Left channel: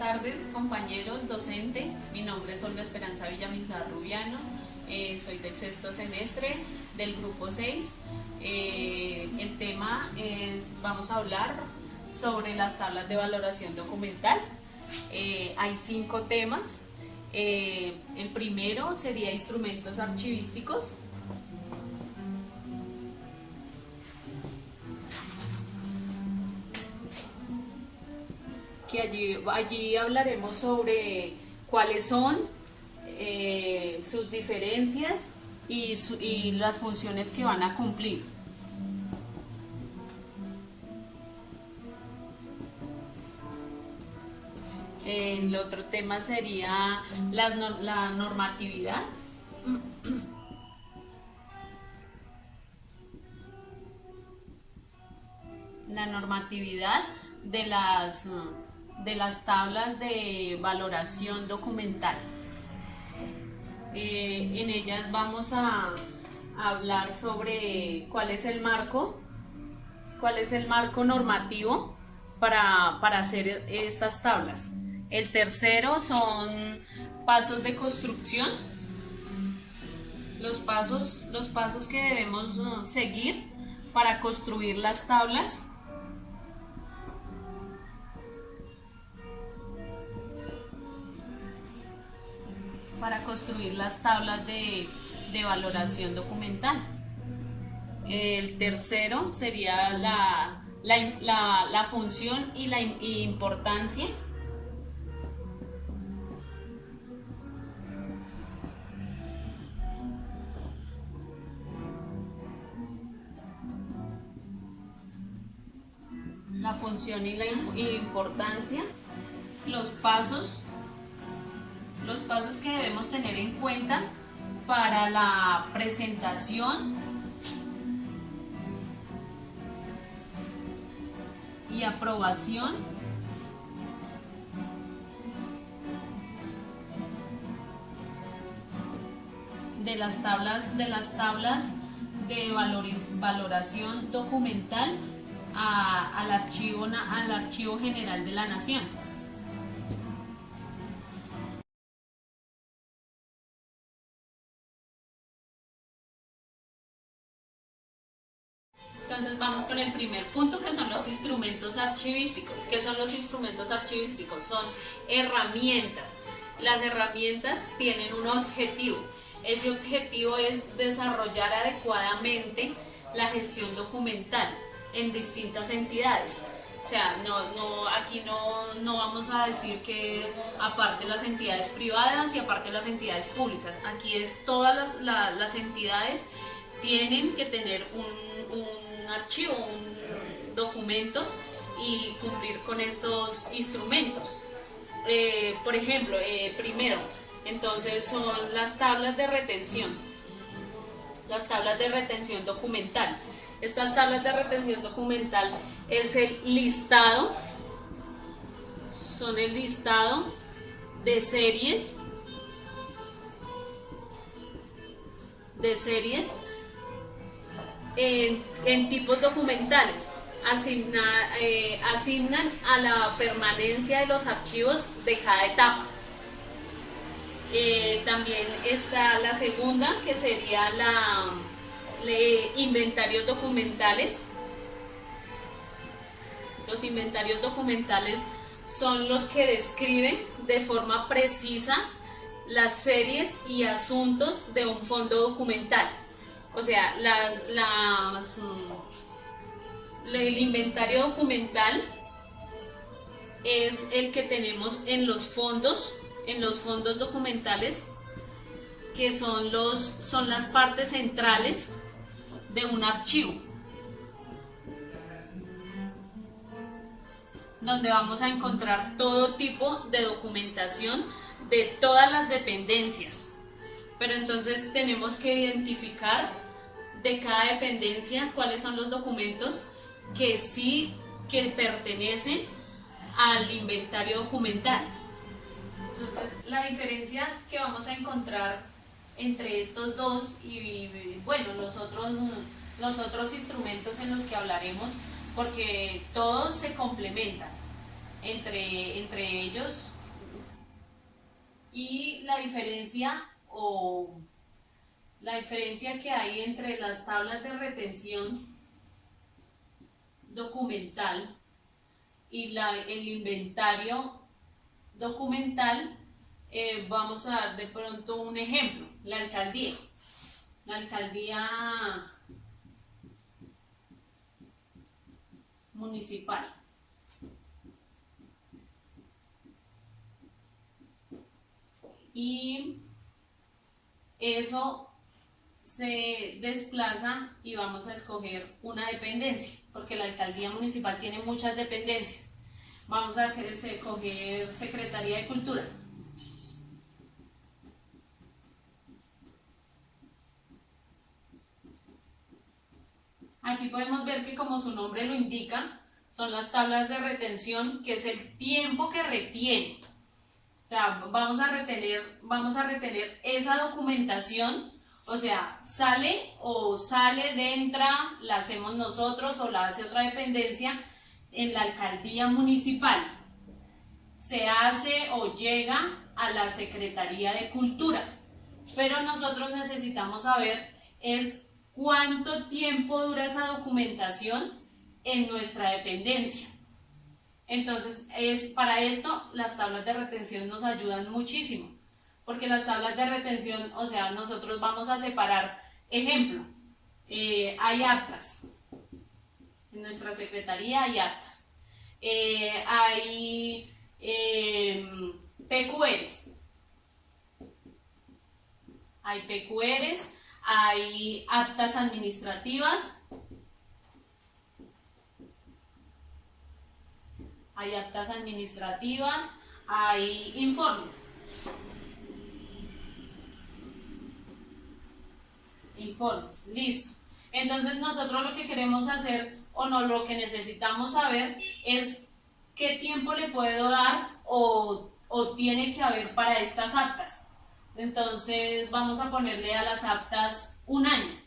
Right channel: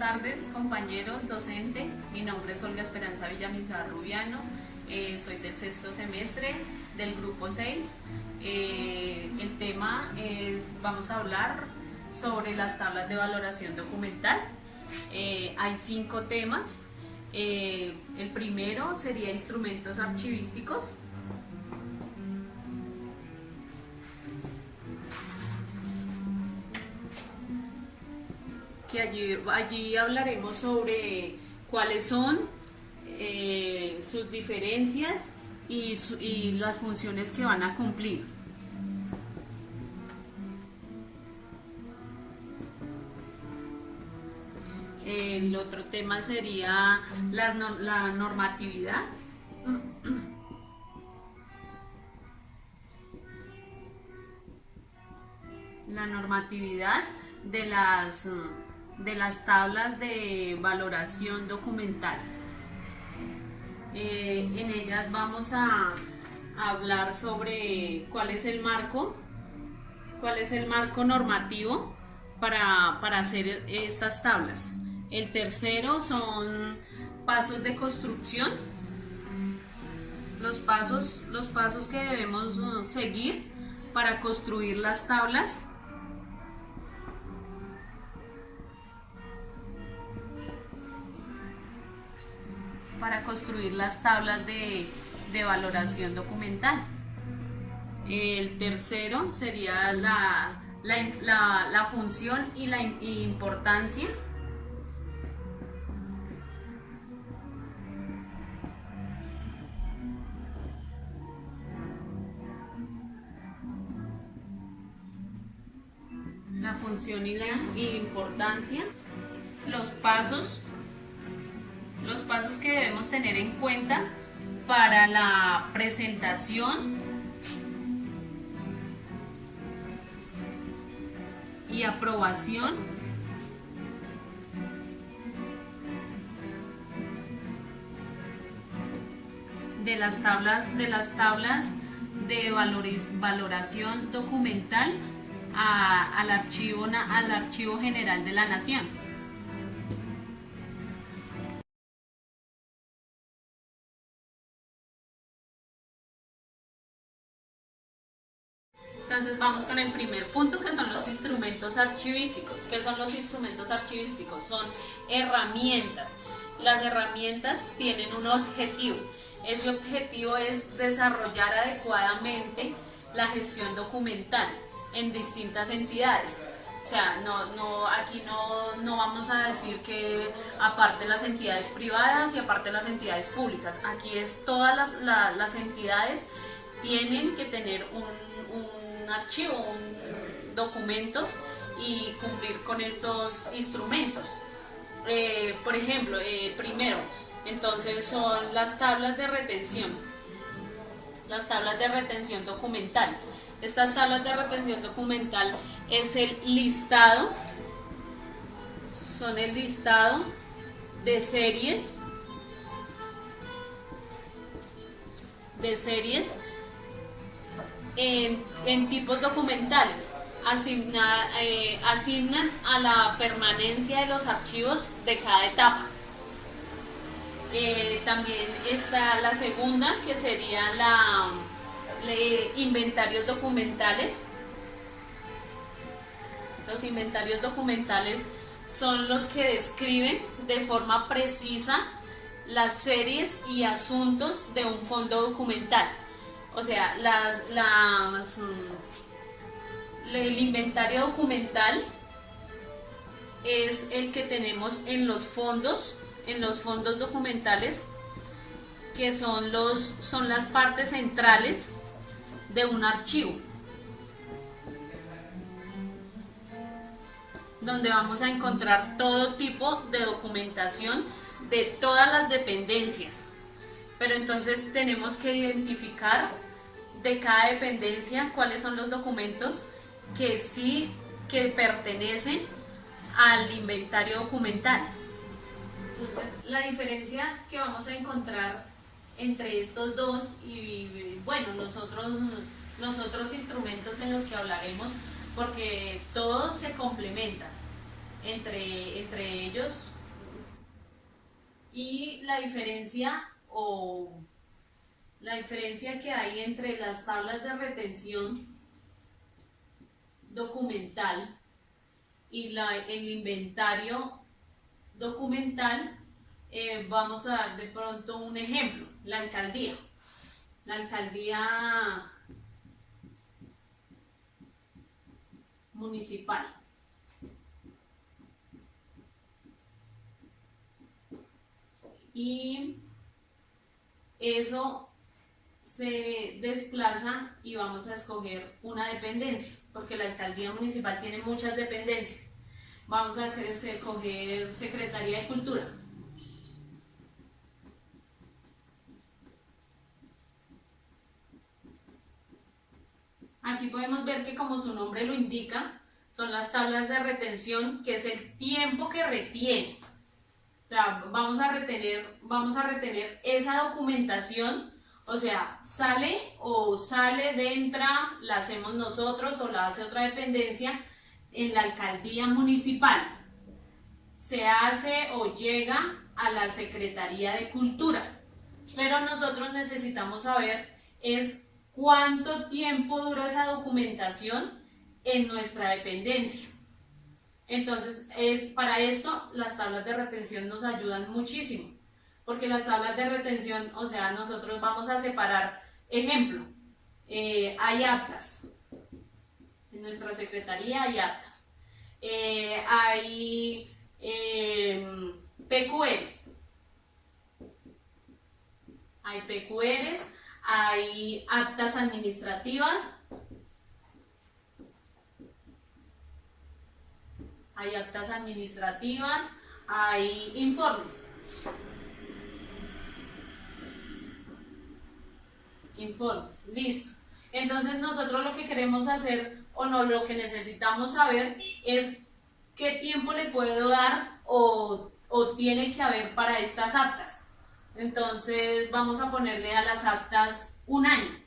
tardes, compañeros, docente. Mi nombre es Olga Esperanza Villamizar Rubiano. Soy del sexto semestre del grupo 6. El tema es, vamos a hablar sobre las tablas de valoración documental. Hay 5 temas. El primero sería instrumentos archivísticos. Que allí hablaremos sobre cuáles son sus diferencias y las funciones que van a cumplir. El otro tema sería la normatividad. La normatividad de las tablas de valoración documental. En ellas vamos a hablar sobre cuál es el marco normativo para hacer estas tablas. El tercero son pasos de construcción, los pasos que debemos seguir para construir las tablas. Para construir las tablas de valoración documental. El tercero sería la función y la importancia. La función y la importancia, los pasos que debemos tener en cuenta para la presentación y aprobación de las tablas de valoración documental al Archivo General de la Nación. Entonces vamos con el primer punto, que son los instrumentos archivísticos. ¿Qué son los instrumentos archivísticos? Son herramientas. Las herramientas tienen un objetivo. Ese objetivo es desarrollar adecuadamente la gestión documental en distintas entidades. O sea, aquí no vamos a decir que aparte las entidades privadas y aparte las entidades públicas. Aquí es todas las entidades tienen que tener un archivo, documentos y cumplir con estos instrumentos. Por ejemplo, primero, entonces son las tablas de retención. Las tablas de retención documental. Estas tablas de retención documental es el listado, son el listado de series en tipos documentales. Asignan a la permanencia de los archivos de cada etapa. También está la segunda, que sería inventarios documentales. Los inventarios documentales son los que describen de forma precisa las series y asuntos de un fondo documental. O sea, el inventario documental es el que tenemos en los fondos documentales, que son las partes centrales de un archivo, donde vamos a encontrar todo tipo de documentación de todas las dependencias. Pero entonces tenemos que identificar de cada dependencia cuáles son los documentos que pertenecen al inventario documental. Entonces, la diferencia que vamos a encontrar entre estos dos y bueno, los otros instrumentos en los que hablaremos, porque todos se complementan. entre ellos. Y la diferencia que hay entre las tablas de retención documental y el inventario documental, vamos a dar de pronto un ejemplo: la alcaldía municipal. Y eso se desplaza y vamos a escoger una dependencia, porque la alcaldía municipal tiene muchas dependencias. Vamos a escoger Secretaría de Cultura. Aquí podemos ver que, como su nombre lo indica, son las tablas de retención, que es el tiempo que retiene. O sea, vamos a retener esa documentación. O sea, sale, entra, la hacemos nosotros o la hace otra dependencia en la alcaldía municipal. Se hace o llega a la Secretaría de Cultura. Pero nosotros necesitamos saber es cuánto tiempo dura esa documentación en nuestra dependencia. Entonces, para esto las tablas de retención nos ayudan muchísimo, porque las tablas de retención, o sea, nosotros vamos a separar, ejemplo, hay actas, en nuestra secretaría hay actas, hay PQRs, hay actas administrativas, hay informes. Listo. Entonces nosotros lo que queremos hacer, lo que necesitamos saber es qué tiempo le puedo dar o tiene que haber para estas actas. Entonces vamos a ponerle a las actas un año.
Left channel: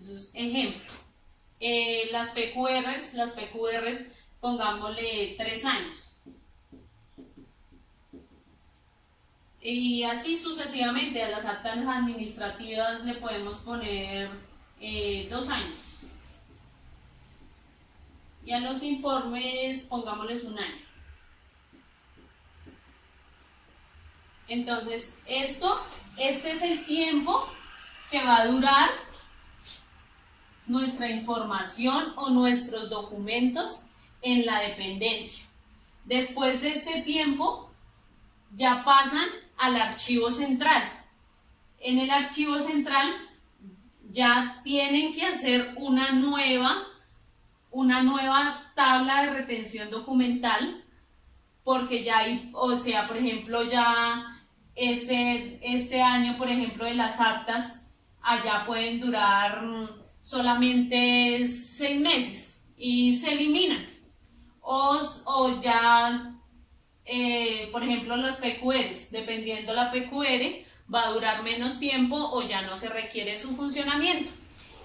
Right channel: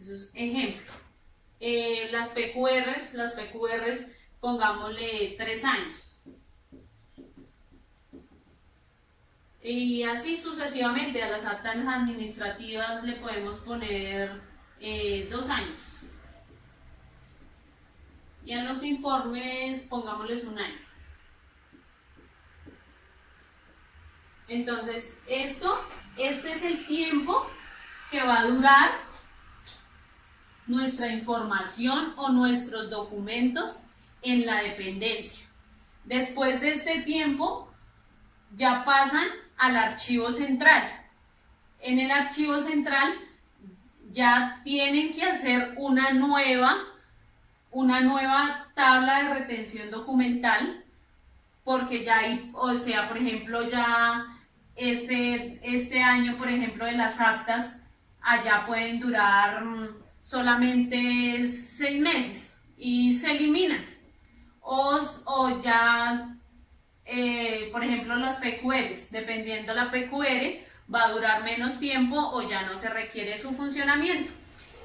Eso es ejemplo. Las PQRs, pongámosle 3 años. Y así sucesivamente. A las actas administrativas le podemos poner 2 años. Y a los informes pongámosles un año. Entonces, este es el tiempo que va a durar nuestra información o nuestros documentos en la dependencia. Después de este tiempo, ya pasan al archivo central. En el archivo central ya tienen que hacer una nueva tabla de retención documental, porque ya hay, o sea, por ejemplo, ya este año, por ejemplo, de las actas, allá pueden durar solamente 6 meses y se eliminan. O ya, por ejemplo, las PQRs, dependiendo la PQR, va a durar menos tiempo o ya no se requiere su funcionamiento.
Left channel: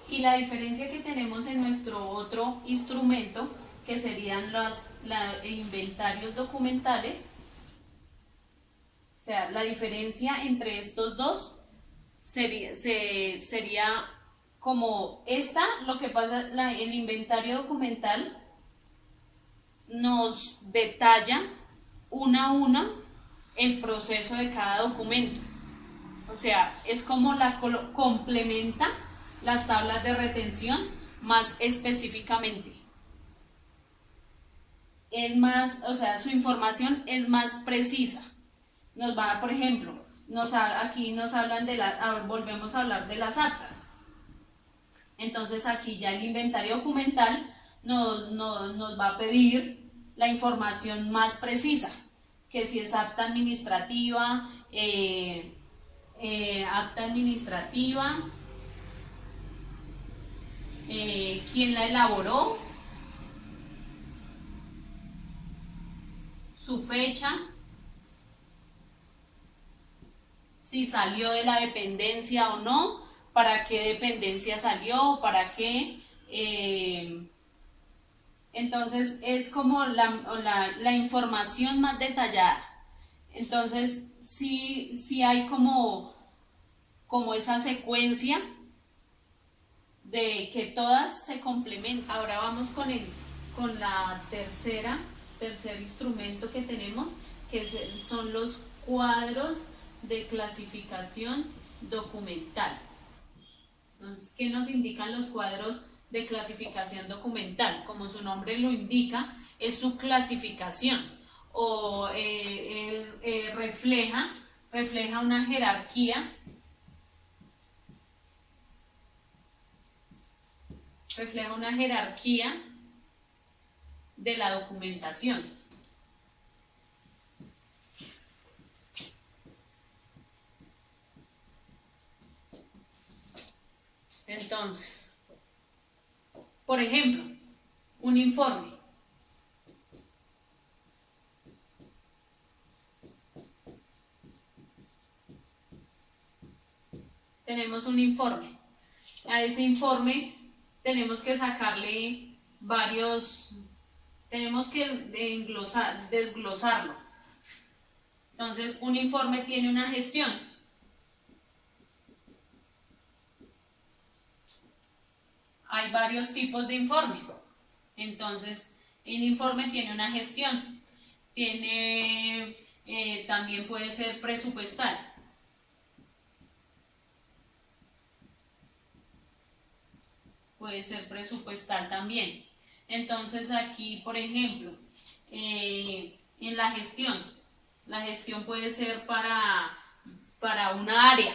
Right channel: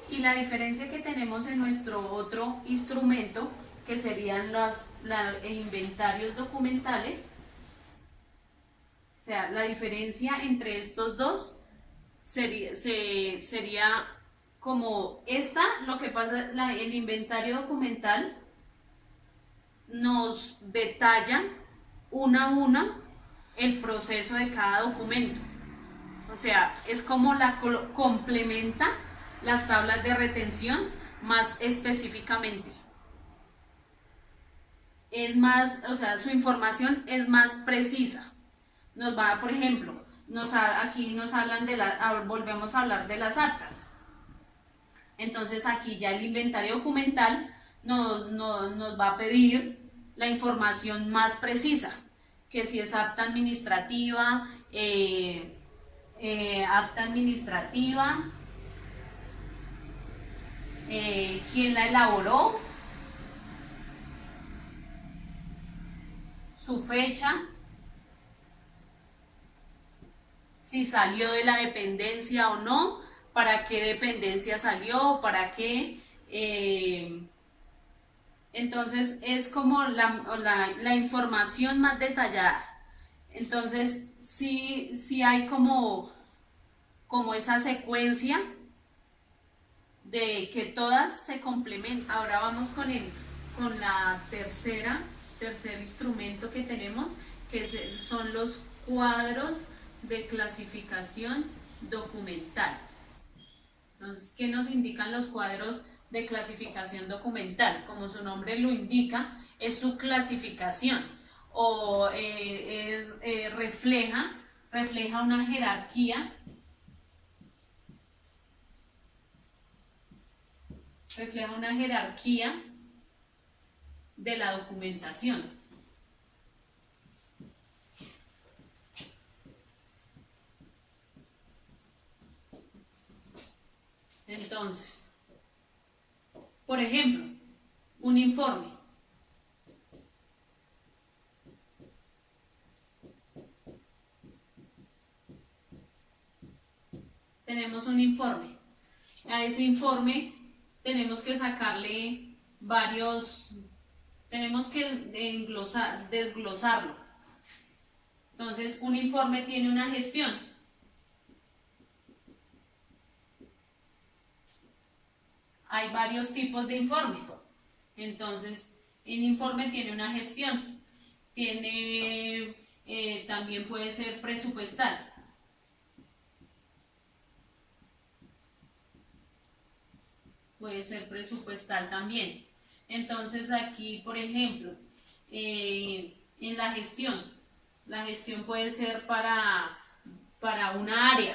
Y la diferencia que tenemos en nuestro otro instrumento, que serían los inventarios documentales, o sea, la diferencia entre estos dos sería como lo que pasa, el inventario documental nos detalla una a una el proceso de cada documento. O sea, es como complementa las tablas de retención más específicamente. Es más, o sea, su información es más precisa. Nos va, por ejemplo, aquí nos hablan volvemos a hablar de las actas. Entonces aquí ya el inventario documental nos va a pedir la información más precisa, que si es acta administrativa, quién la elaboró, su fecha, si salió de la dependencia o no, para qué dependencia salió, para qué, Entonces es como la información más detallada. Entonces sí hay como esa secuencia de que todas se complementan. Ahora vamos con la tercer instrumento que tenemos, que son los cuadros de clasificación documental. Entonces, ¿qué nos indican los cuadros de clasificación documental? Como su nombre lo indica, es su clasificación o refleja una jerarquía, de la documentación. Entonces, por ejemplo, un informe. Tenemos un informe. A ese informe tenemos que sacarle tenemos que desglosarlo. Entonces, un informe tiene una gestión. Hay varios tipos de informe. Entonces, un informe tiene una gestión. También puede ser presupuestal. Puede ser presupuestal también. Entonces aquí, por ejemplo, en la gestión puede ser para una área.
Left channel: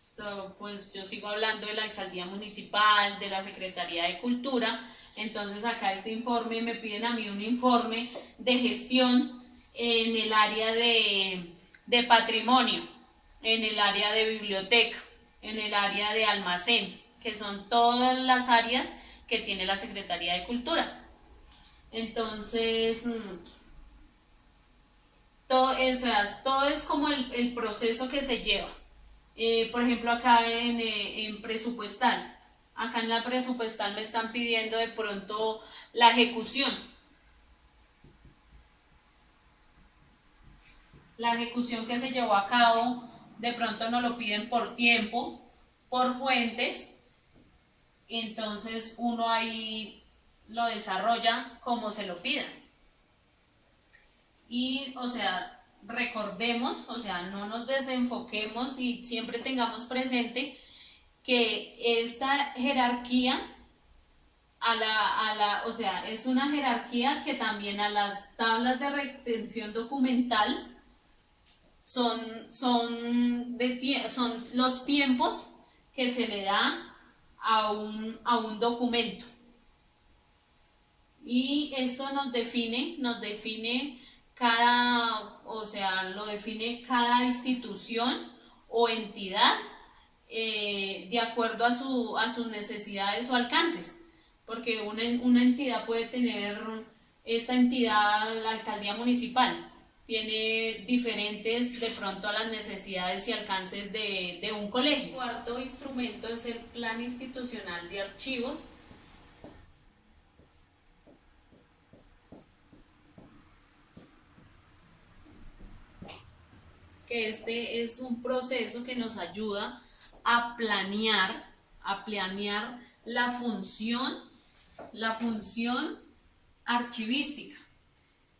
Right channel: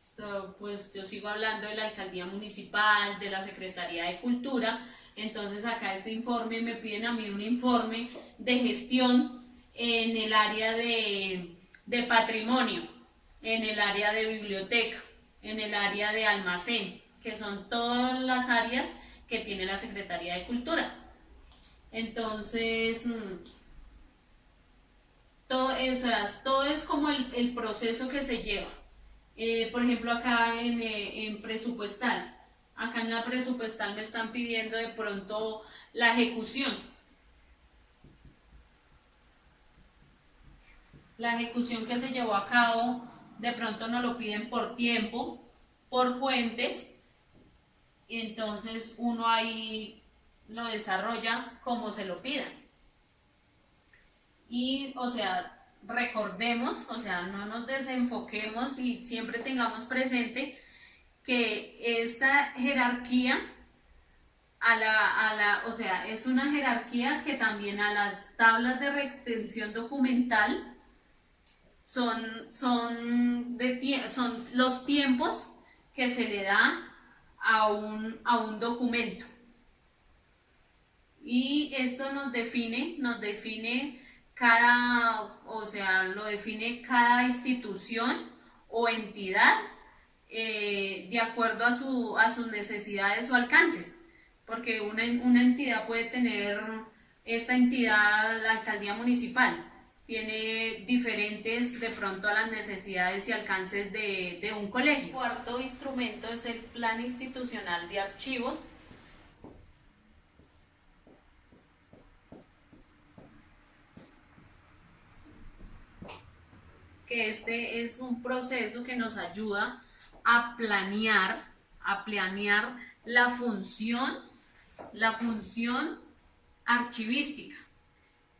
Esto, pues yo sigo hablando de la alcaldía municipal, de la Secretaría de Cultura. Entonces acá este informe, me piden a mí un informe de gestión en el área de patrimonio, en el área de biblioteca, en el área de almacén, que son todas las áreas que tiene la Secretaría de Cultura. Entonces, todo es como el proceso que se lleva. Por ejemplo, acá en presupuestal, acá en la presupuestal me están pidiendo de pronto la ejecución. La ejecución que se llevó a cabo, de pronto nos lo piden por tiempo, por fuentes, entonces uno ahí lo desarrolla como se lo pidan. Y, o sea, recordemos, o sea, no nos desenfoquemos y siempre tengamos presente que esta jerarquía o sea, es una jerarquía que también a las tablas de retención documental son los tiempos que se le da a un documento. Y esto nos define lo define cada institución o entidad de acuerdo a sus necesidades o alcances. Porque una entidad puede tener, esta entidad, la alcaldía municipal, tiene diferentes de pronto a las necesidades y alcances de un colegio. El cuarto instrumento es el Plan Institucional de Archivos, que este es un proceso que nos ayuda a planear la función archivística,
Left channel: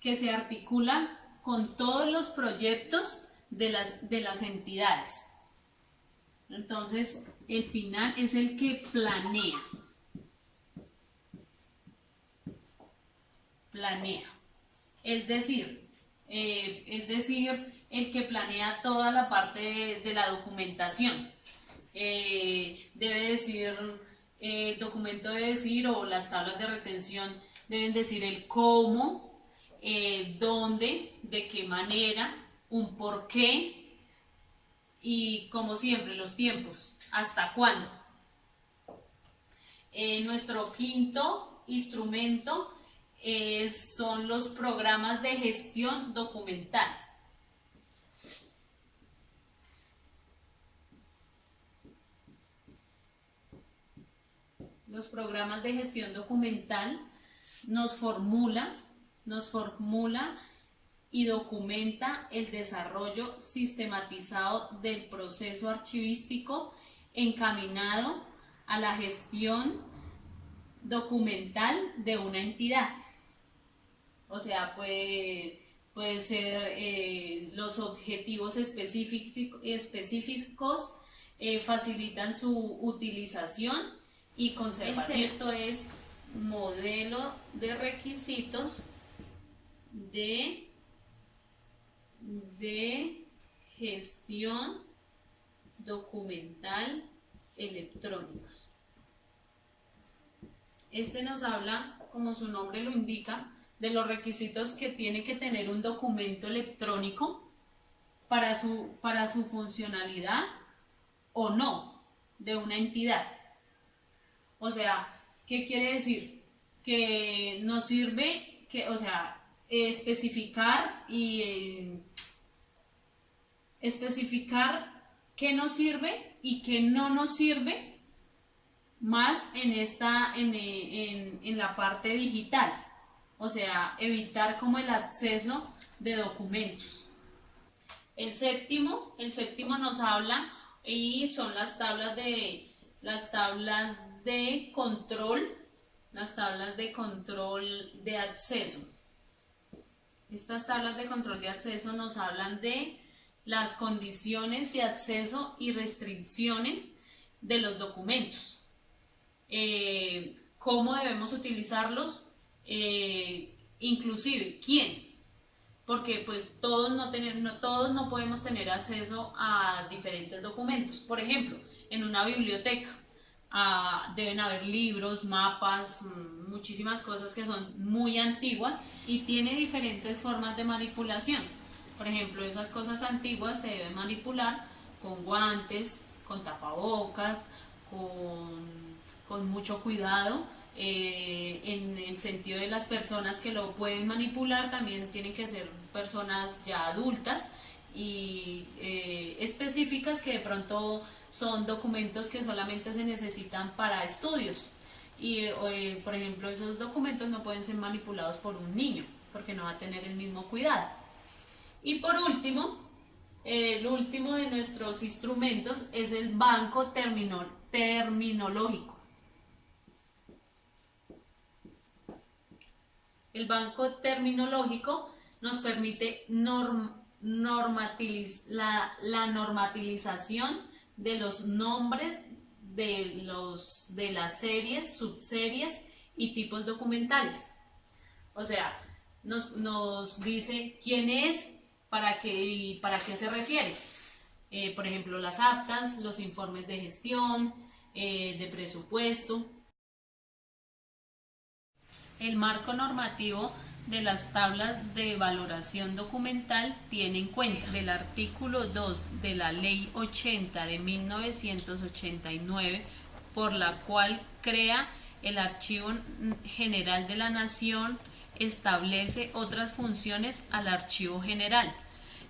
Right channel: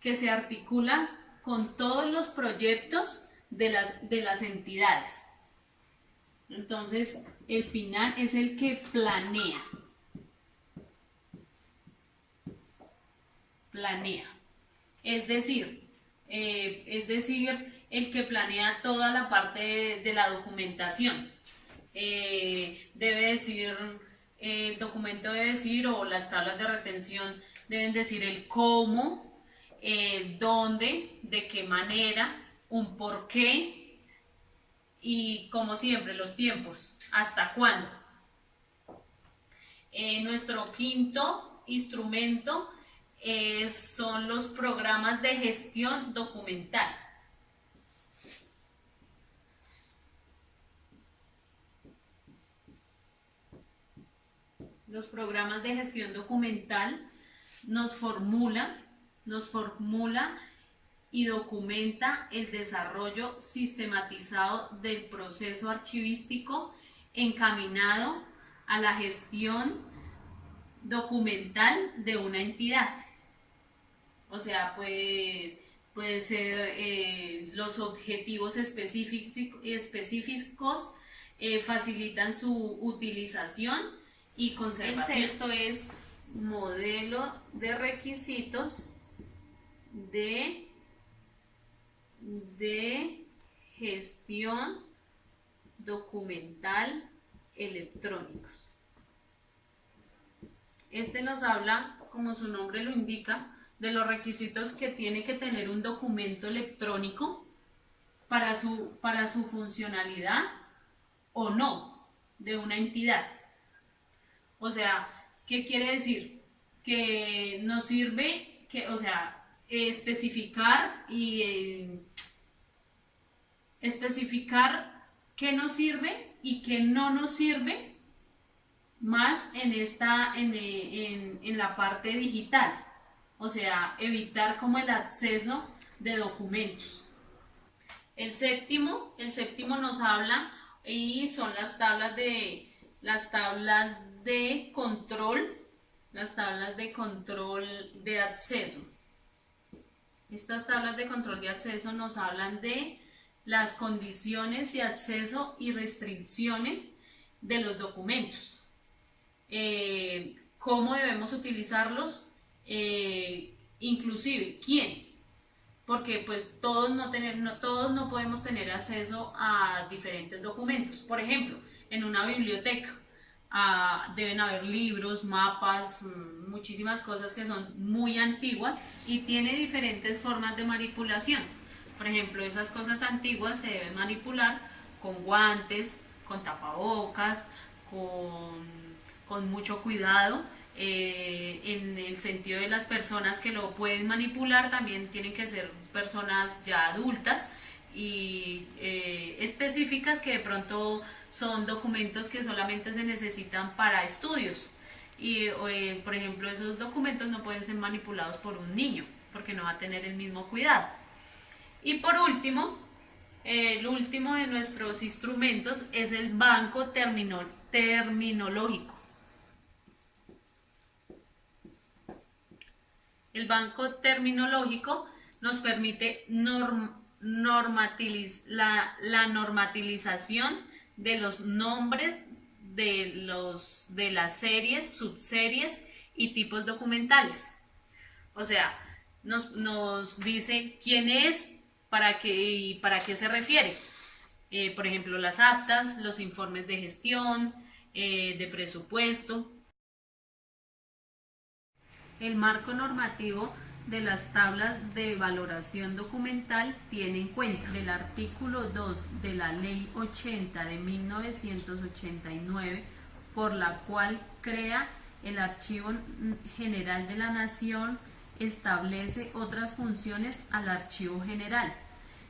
que se articula con todos los proyectos de las entidades. Entonces, el final es el que planea. Es decir, el que planea toda la parte de la documentación. Debe decir, el documento debe decir, o las tablas de retención deben decir el cómo, dónde, de qué manera, un por qué y, como siempre, los tiempos, hasta cuándo. Nuestro quinto instrumento son los programas de gestión documental. Los programas de gestión documental nos formula y documenta el desarrollo sistematizado del proceso archivístico encaminado a la gestión documental de una entidad. O sea, puede ser los objetivos específicos facilitan su utilización y conservación. El sexto es modelo de requisitos de gestión documental electrónicos. Este nos habla, como su nombre lo indica, de los requisitos que tiene que tener un documento electrónico para su funcionalidad o no de una entidad. O sea, ¿qué quiere decir? Que nos sirve, especificar qué nos sirve y qué no nos sirve más en la parte digital. O sea, evitar como el acceso de documentos. El séptimo nos habla y son las tablas de control de acceso. Estas tablas de control de acceso nos hablan de las condiciones de acceso y restricciones de los documentos. ¿Cómo debemos utilizarlos? Inclusive, ¿quién? Porque pues todos no podemos tener acceso a diferentes documentos. Por ejemplo, en una biblioteca deben haber libros, mapas, muchísimas cosas que son muy antiguas y tiene diferentes formas de manipulación. Por ejemplo, esas cosas antiguas se deben manipular con guantes, con tapabocas, con mucho cuidado. En el sentido de las personas que lo pueden manipular, también tienen que ser personas ya adultas y específicas, que de pronto son documentos que solamente se necesitan para estudios y por ejemplo, esos documentos no pueden ser manipulados por un niño porque no va a tener el mismo cuidado. Y por último, el último de nuestros instrumentos es el banco terminológico. El banco terminológico nos permite la normatización de los nombres de las series, subseries y tipos documentales. O sea, nos dice quién es, para qué se refiere. Por ejemplo, las actas, los informes de gestión, de presupuesto. El marco normativo de las tablas de valoración documental tiene en cuenta el artículo 2 de la Ley 80 de 1989, por la cual crea el Archivo General de la Nación, establece otras funciones al Archivo General.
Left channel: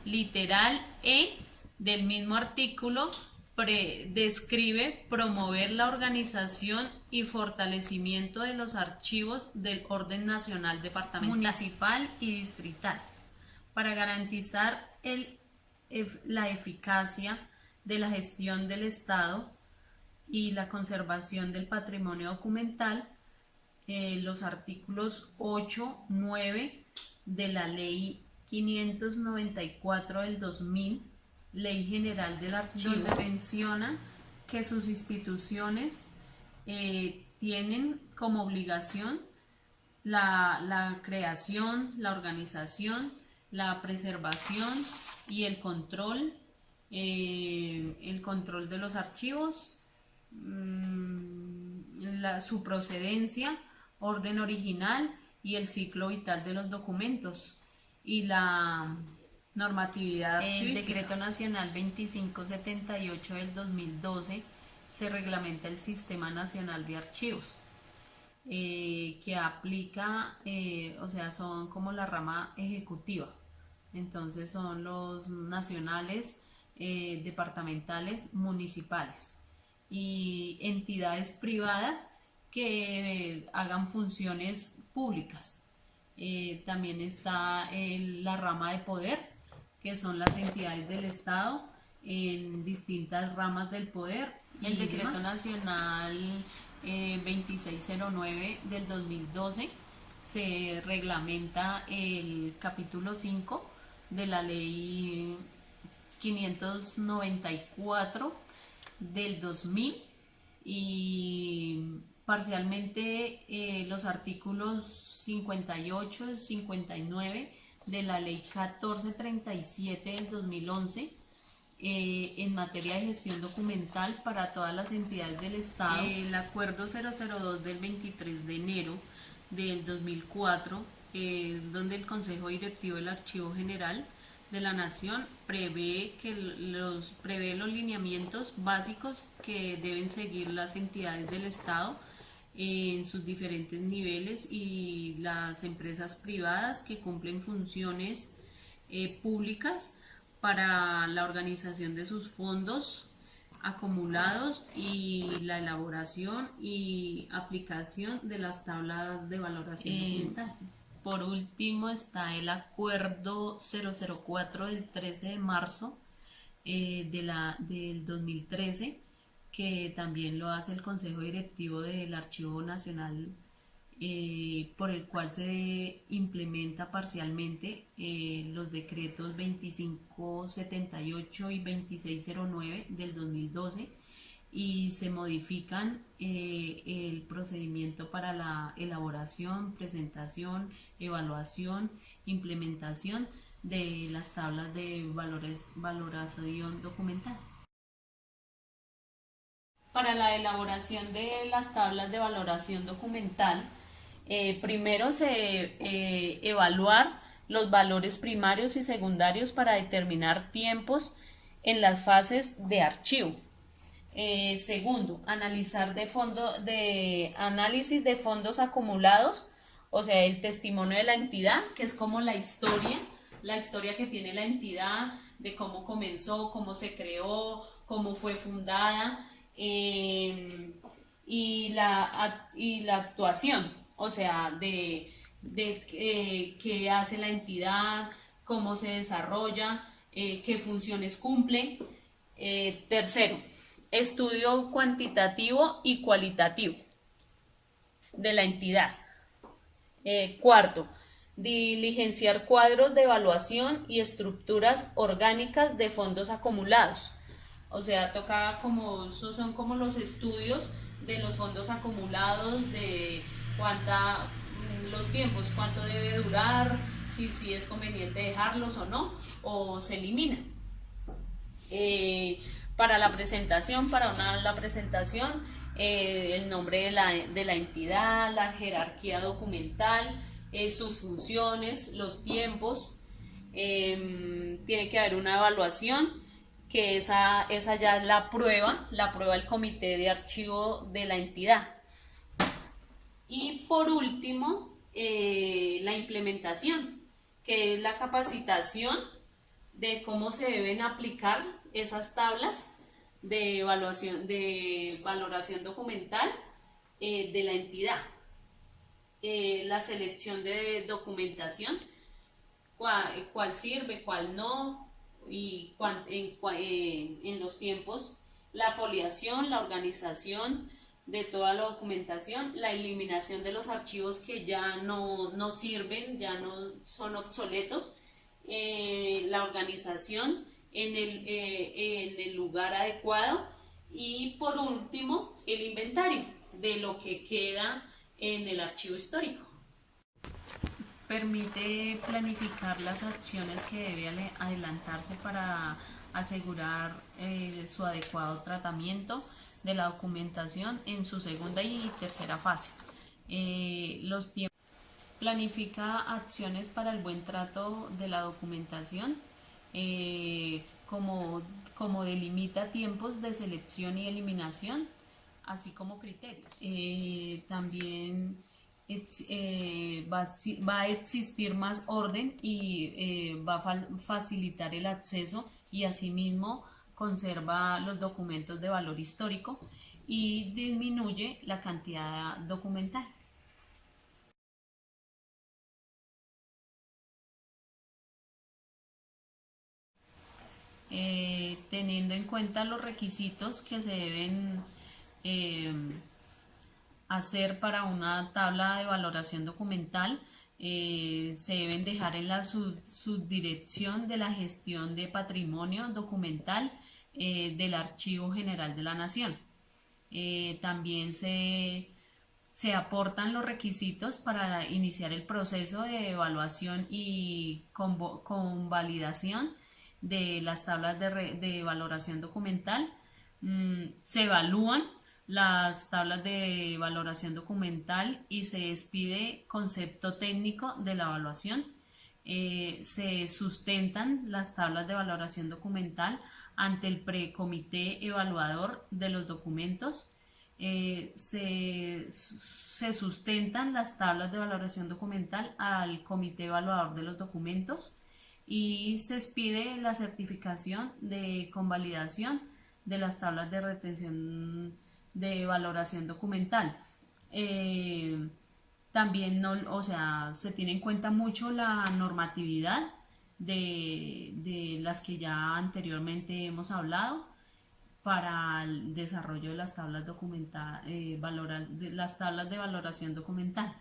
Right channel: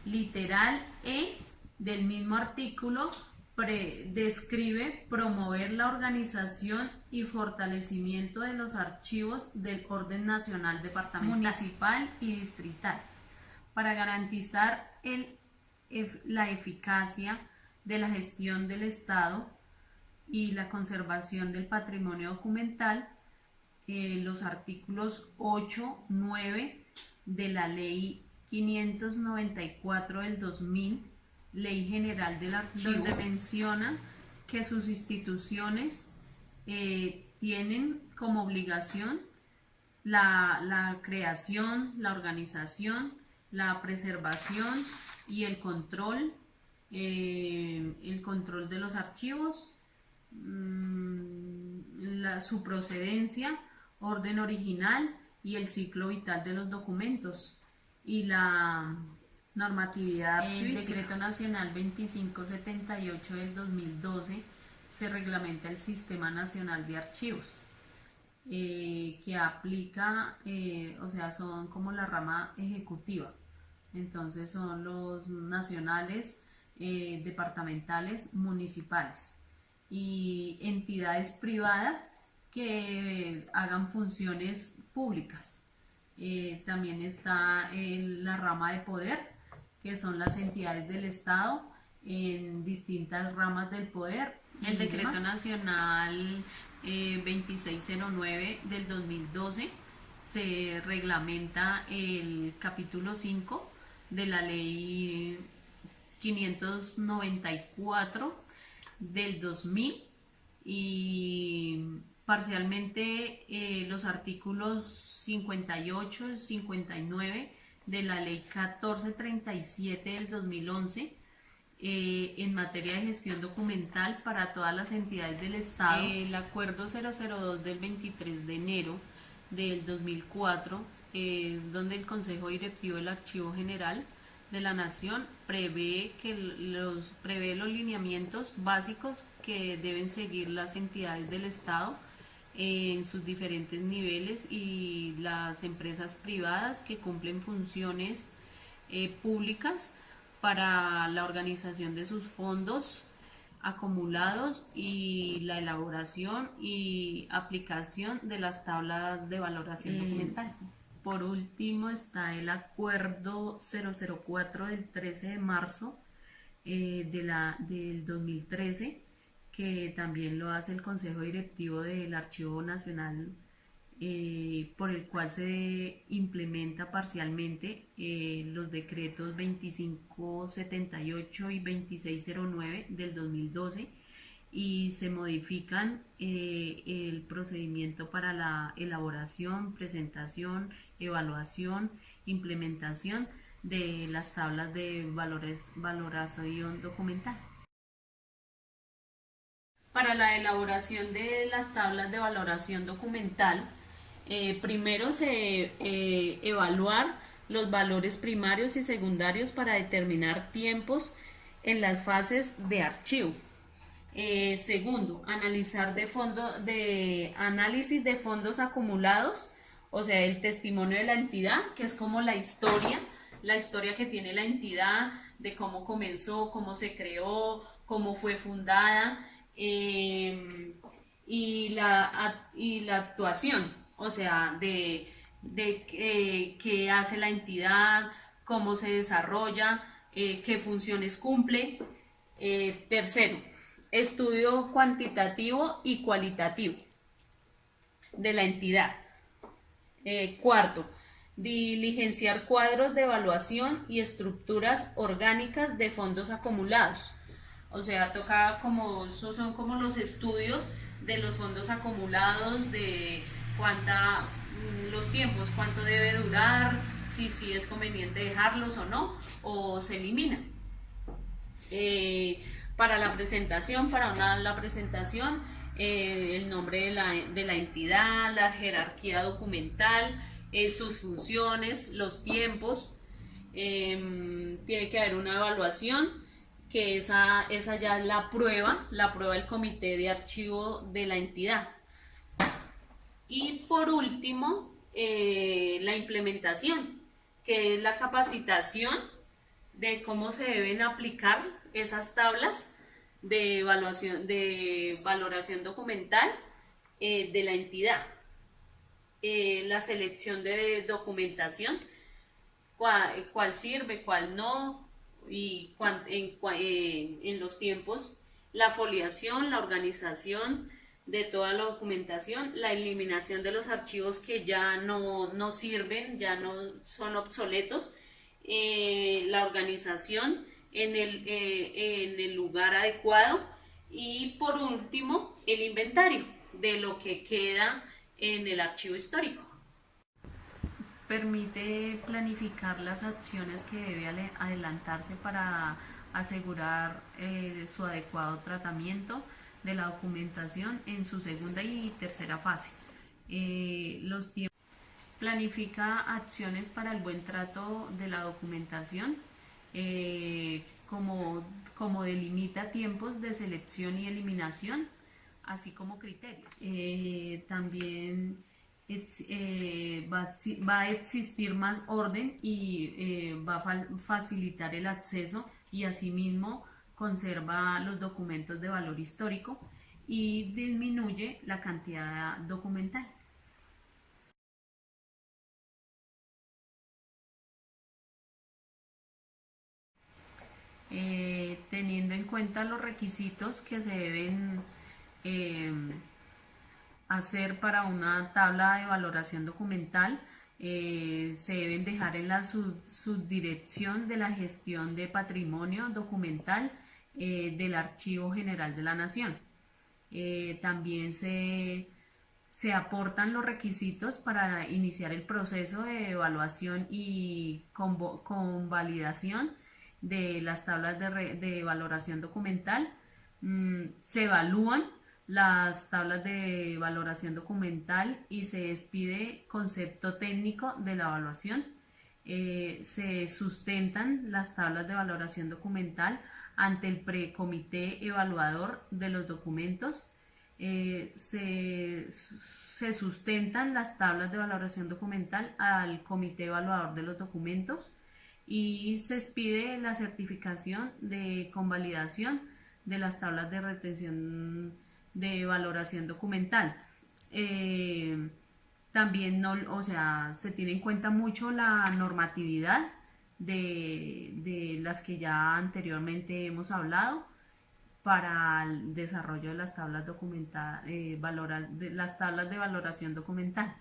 Literal E del mismo artículo describe promover la organización y fortalecimiento de los archivos del orden nacional, departamental, municipal y distrital, para garantizar la eficacia de la gestión del Estado y la conservación del patrimonio documental. Los artículos 8, 9 de la Ley 594 del 2000, Ley General del Archivo, donde menciona que sus instituciones tienen como obligación la creación, la organización, la preservación y el control de los archivos, su procedencia, orden original y el ciclo vital de los documentos, y la normatividad archivística. El Decreto Nacional 2578 del 2012 se reglamenta el Sistema Nacional de Archivos, que aplica, son como la rama ejecutiva. Entonces son los nacionales, departamentales, municipales y entidades privadas que hagan funciones públicas. También está la rama de poder, que son las entidades del Estado en distintas ramas del poder. El Decreto Nacional 2609 del 2012 se reglamenta el capítulo 5 de la ley 594 del 2000 y parcialmente los artículos 58 y 59 de la ley 1437 del 2011 en materia de gestión documental para todas las entidades del Estado. El acuerdo 002 del 23 de enero del 2004 es donde el Consejo Directivo del Archivo General de la Nación prevé los lineamientos básicos que deben seguir las entidades del Estado en sus diferentes niveles y las empresas privadas que cumplen funciones públicas para la organización de sus fondos acumulados y la elaboración y aplicación de las tablas de valoración documental. Por último está el acuerdo 004 del 13 de marzo del 2013, que también lo hace el Consejo Directivo del Archivo Nacional, por el cual se implementa parcialmente los decretos 2578 y 2609 del 2012 y se modifican el procedimiento para la elaboración, presentación, evaluación, implementación de las tablas de valoración documental. Para la elaboración de las tablas de valoración documental, primero se evaluar los valores primarios y secundarios para determinar tiempos en las fases de archivo. Segundo, analizar de análisis de fondos acumulados, o sea, el testimonio de la entidad, que es como la historia que tiene la entidad, de cómo comenzó, cómo se creó, cómo fue fundada, y la actuación, o sea, de qué hace la entidad, cómo se desarrolla, qué funciones cumple. Tercero, estudio cuantitativo y cualitativo de la entidad. Cuarto, diligenciar cuadros de evaluación y estructuras orgánicas de fondos acumulados. O sea, son como los estudios de los fondos acumulados, de los tiempos, cuánto debe durar, si es conveniente dejarlos o no, o se eliminan. Para la presentación, el nombre de la entidad, la jerarquía documental, sus funciones, los tiempos. Tiene que haber una evaluación, que esa ya es la prueba del comité de archivo de la entidad. Y por último, la implementación, que es la capacitación de cómo se deben aplicar esas tablas de valoración documental de la entidad. La selección de documentación, cuál sirve, cuál no, y en los tiempos, la foliación, la organización de toda la documentación, la eliminación de los archivos que ya no sirven, ya no son obsoletos, la organización en el lugar adecuado y por último el inventario de lo que queda en el archivo histórico. Permite planificar las acciones que debe adelantarse para asegurar su adecuado tratamiento de la documentación en su segunda y tercera fase. Planifica acciones para el buen trato de la documentación, como delimita tiempos de selección y eliminación, así como criterios. También va a existir más orden y va a facilitar el acceso y asimismo conserva los documentos de valor histórico y disminuye la cantidad documental. Teniendo en cuenta los requisitos que se deben hacer para una tabla de valoración documental, se deben dejar en la subdirección de la gestión de patrimonio documental del Archivo General de la Nación. También se aportan los requisitos para iniciar el proceso de evaluación y convalidación de las tablas de valoración documental. Se evalúan las tablas de valoración documental y se expide concepto técnico de la evaluación. Se sustentan las tablas de valoración documental ante el precomité evaluador de los documentos. Se sustentan las tablas de valoración documental al comité evaluador de los documentos y se expide la certificación de convalidación de las tablas de retención de valoración documental. También se tiene en cuenta mucho la normatividad de las que ya anteriormente hemos hablado para el desarrollo de las tablas de valoración documental.